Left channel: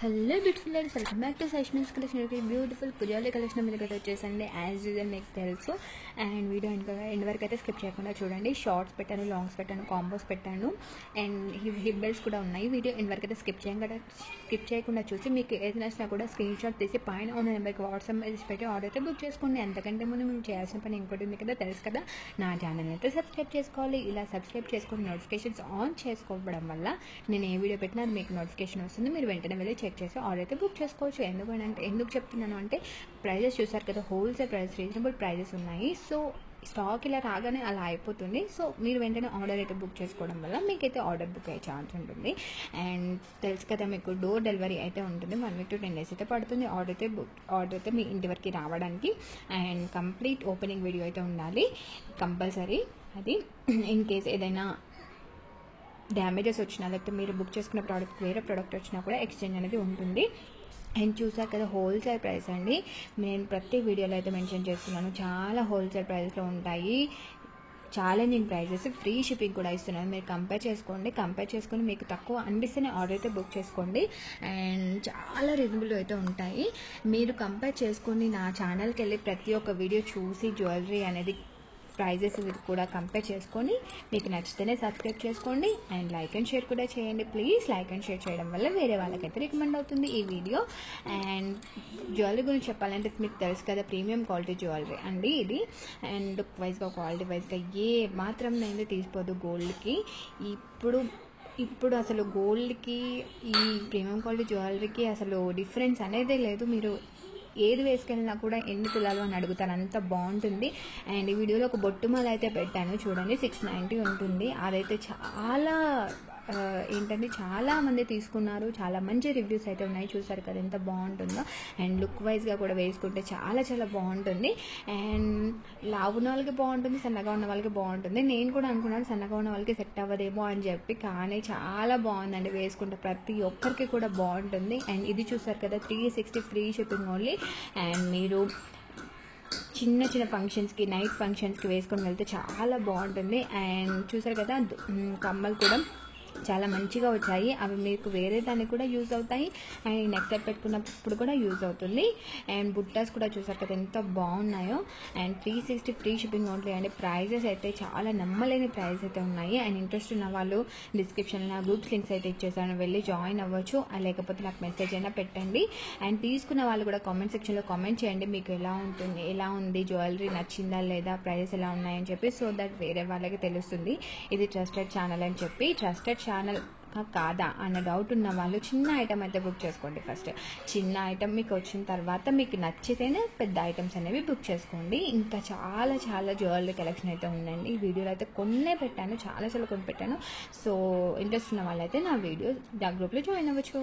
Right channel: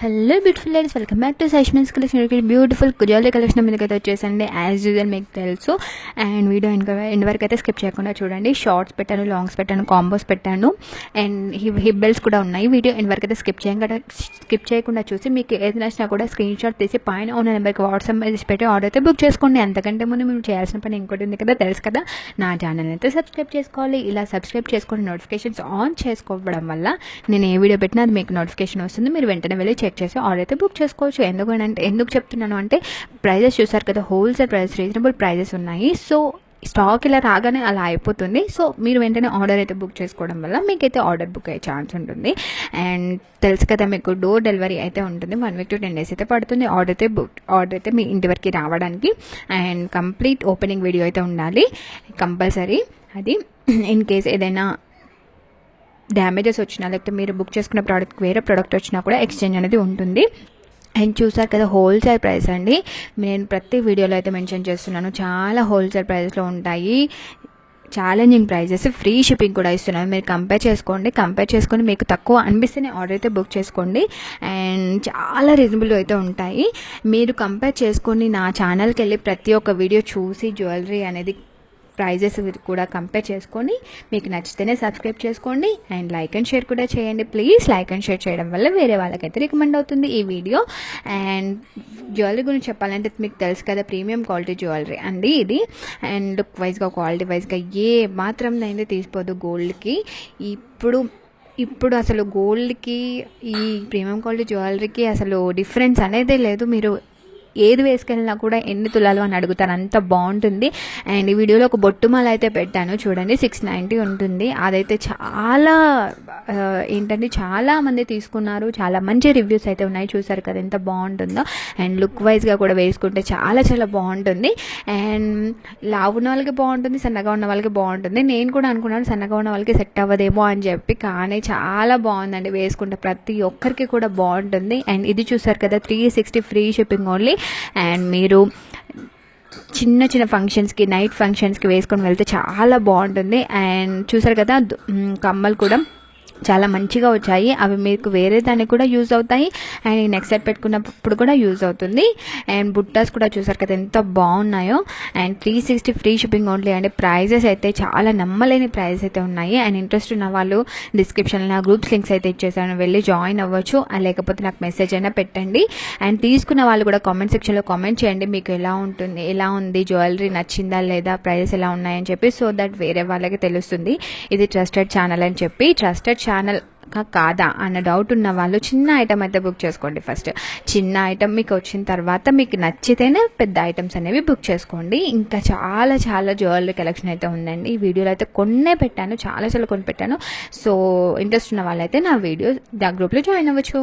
Hello beautiful ladies, welcome back to సైష్మిన్స్ collection. Beautiful jewellery collection మీదకైతే వచ్చేసండి. As usual మీకు తెలుసు. అండ్ వీడియో ఎండ్ వరకు అయితే స్కిప్ చేయకుండా చూడండి. షార్ట్స్ పెట్టాను, లాంగ్స్ పెట్టాను, కాంబోస్ పెట్టాను, అండ్ హిప్ బెల్ట్స్ కూడా ఉన్నాయి. వీడియో ఎండ్ వరకు అయితే స్కిప్ చేయకుండా చూసి మీకు ఏది నచ్చినా కూడా స్క్రీన్ షాట్ తీసి పైన ఉన్న నెంబర్కి వాట్సాప్ మెసేజ్ పెట్టి ఆర్డర్ అయితే బుక్ చేసుకోండి. అంతకంటే ముందు మేము చేయాల్సిన పని ఇంకోటి ఉంది కదా, తెలుసు కదా, నా ఛానల్ అయితే సబ్స్క్రైబ్ చేసుకోవాలి. ఇలా సబ్స్క్రైబ్ చేసుకొని నోటిఫికేషన్స్ ఆన్ చేసుకోవడం వల్ల నేను ఏ వీడియో పెట్టినా అది మీకు నోటిఫికేషన్ వస్తుంది. మీరు వెంటనే వెళ్ళి చెక్ చేసి ఆర్డర్ అయితే బుక్ చేసుకోవచ్చు. ఎందుకు చెప్తున్నాను అంటే, ప్రైజెస్ చూసారు కదా, హోల్సేల్ ప్రైజెస్, రీజనబుల్ ప్రైజెస్ ఉన్నాయి. సో స్టాక్ ఇలా రాగానే అలా అయిపోతుంది. సో మీరు వెంటనే ఆర్డర్ అయితే బుక్ చేసుకోవడం వల్ల మీకైతే ఆర్డర్ బుక్ అయ్యే ఛాన్స్ ఉంటుంది. అండ్ తెలుసు కదా, మీకు డోర్ డెలివరీ అయితే ఉంటుంది. 1 week to 10 days అయితే పడుతుంది ఆర్డర్ అయితే మీ ఇంటి వరకు రావడానికి. అండ్ కంప్లీట్ ఓపెనింగ్ వీడియో అయితే ఉండాలి కంపల్సరీ. అది ఇన్ కేస్ ఏదైనా డ్యామేజెస్ వచ్చినా, లేకపోతే మీరు బుక్ చేసుకున్న ప్రోడక్ట్ వేరే ప్రోడక్ట్ వచ్చినా కూడా ఎక్స్చేంజ్ అనేది ఉంటుంది. అండ్ చూసారు కదా, హోల్సేల్ ప్రైస్ అండి. నేను ప్రతి వీడియోలో అయితే మెన్షన్ చేస్తున్నాను, చాలా హోల్సేల్ ప్రైస్లో ఉంటాయి. ఛాలెంజింగ్ ప్రైజెస్, ఫ్రీ షిప్పింగ్ కూడా ఇస్తున్నాను. మీరు కంపేర్ చేసుకొని మీకు తక్కువ అనిపిస్తేనే ఆర్డర్ అయితే బుక్ చేసుకోండి. అండ్ చాలా రీజనబుల్ అయితే ఉంటాయి. మీరు కంపేర్ చేసుకొని నా ఛానల్కి వెళ్ళి ప్రతి ఒక్క వీడియో చూసి జ్యువెలరీ అనేది ప్రైజెస్ కూడా కంపేర్ చేసుకొని మీకు నచ్చితేనే సబ్స్క్రైబ్ చేసుకోండి. అండ్ లైక్ అండ్ షేర్ కూడా చేయండి ప్లీజ్. లైక్ అండ్ షేర్ చేయడం వల్ల వేరే వాళ్ళకైతే రికమెండ్ అవుతుంది ఈ వీడియో. అండ్ జ్యువెలరీ గురించి చెప్పాలంటే మీకు తెలుసు కదా, ప్రీమియం క్వాలిటీ జ్యువెలరీ అండి ఇది. అండ్ లుక్ వైజ్గా, క్వాలిటీ వైజ్గా ఏ మాత్రం అయితే తీసిపోదు గోల్డ్కి. ఇప్పుడు అసలు గోల్డ్కి ఈ ప్రీమియం క్వాలిటీ జ్యువెలరీకి అసలు డిఫరెన్స్ అనేదే లేదు. మీరు ఏది వేసుకెళ్ళినా కూడా ఎన్ని తులాలు అని అడుగుతారు, అంత బాగుంటుంది. అండ్ ఈ వీడియోలో ఒక బొట్టుమాల అయితే పెట్టాను చూడండి, 690 ఉంటుంది. అదైతే చాలా చాలా మంది తీసుకున్నారు. చాలా మంచి రివ్యూస్ అయితే ఉన్నాయి. చూసారు కదా ఎంత బాగుంటుందో. అండ్ లుక్ వైజ్గా కూడా వేసుకుంటే చాలా చాలా బాగుంటుంది. అండ్ లావు ఉన్న వాళ్ళకి బాగుంటుంది, సన్నగా ఉన్న వాళ్ళకి బాగుంటుంది. నేను కూడా అనుకున్నాను సన్నగా ఉన్న వాళ్ళకి సెట్ అవ్వదేమో అని చెప్పి, కానీ చాలా బాగుందండి వేసుకుంటే ప్రతి ఒక్కరికి కూడా బాగుంటుంది. అండ్ ఇది చూసారు కదా, 360 ఫ్రీ షిప్పింగ్ ఓన్లీ. అండ్ మీరు చిన్న చిన్న ఫంక్షన్స్కి, నైట్ ఫంక్షన్స్కి వేసుకొని వెళ్తే చాలా బాగుంటుంది. అండ్ చూసారు కదా, కమ్మలు కూడా చాలా మంచిగా వచ్చాయి. అవి మీకు వేరే దానికి కూడా యూజ్ అవుతాయి. అండ్ నెక్స్ట్ సెట్ పెట్టుకున్నప్పుడు కూడా యూజ్ అవుతుంది. అండ్ బుట్టాస్ కూడా చూసారు కదా ఎంత బాగున్నాయో. And 360 free shipping only. అంటే ప్రైజెస్ అయితే చాలా నమ్మలేని ప్రైజెస్ అయితే ఉన్నాయి. అండ్ ఇంట్రెస్ట్ ఉన్న వాళ్ళు డిస్క్రిప్షన్లో నా గ్రూప్స్ లింక్స్ అయితే ఇచ్చేసాను, వెళ్ళి జాయిన్ అవ్వచ్చు. లేకపోతే నాకు మెసేజ్ అయినా పెట్టండి. అండ్ తీసుకున్న వాళ్ళు కూడా కామెంట్ సెక్షన్లో కామెంట్ చేయండి, మీకు ఎలా ఉంది జ్యువెలరీ, నచ్చిందా లేదా, ప్రైజెస్ ఎలా ఉన్నాయని చెప్పి. సో దట్ వేరే వాళ్ళకి తెలుస్తుంది ఇది ట్రస్టెడ్ ఛానల్ అని చెప్పి. ట్రస్టెడ్ ఛానల్ కాదా అన్న డౌట్ ఉన్న వాళ్ళు చిన్న ఐటమ్ అయితే బుక్ చేసుకోండి. ఫస్ట్ చిన్న ఐటమ్ మీకు వచ్చిన తర్వాత మీకు నచ్చితేనే పెద్ద ఐటమ్స్ అనేవి బుక్ చేసుకోండి. ఇంకా చాలా చాలా జ్యువెలరీ కలెక్షన్ అయితే ఉందండి. ఈ వీడియోలో అయితే కొన్నే పెట్టాను, చాలా చాలా కొన్ని పెట్టాను. సో ఇంట్రెస్ట్ ఉన్న వాళ్ళైతే నా గ్రూప్లో జాయిన్ అవ్వచ్చు.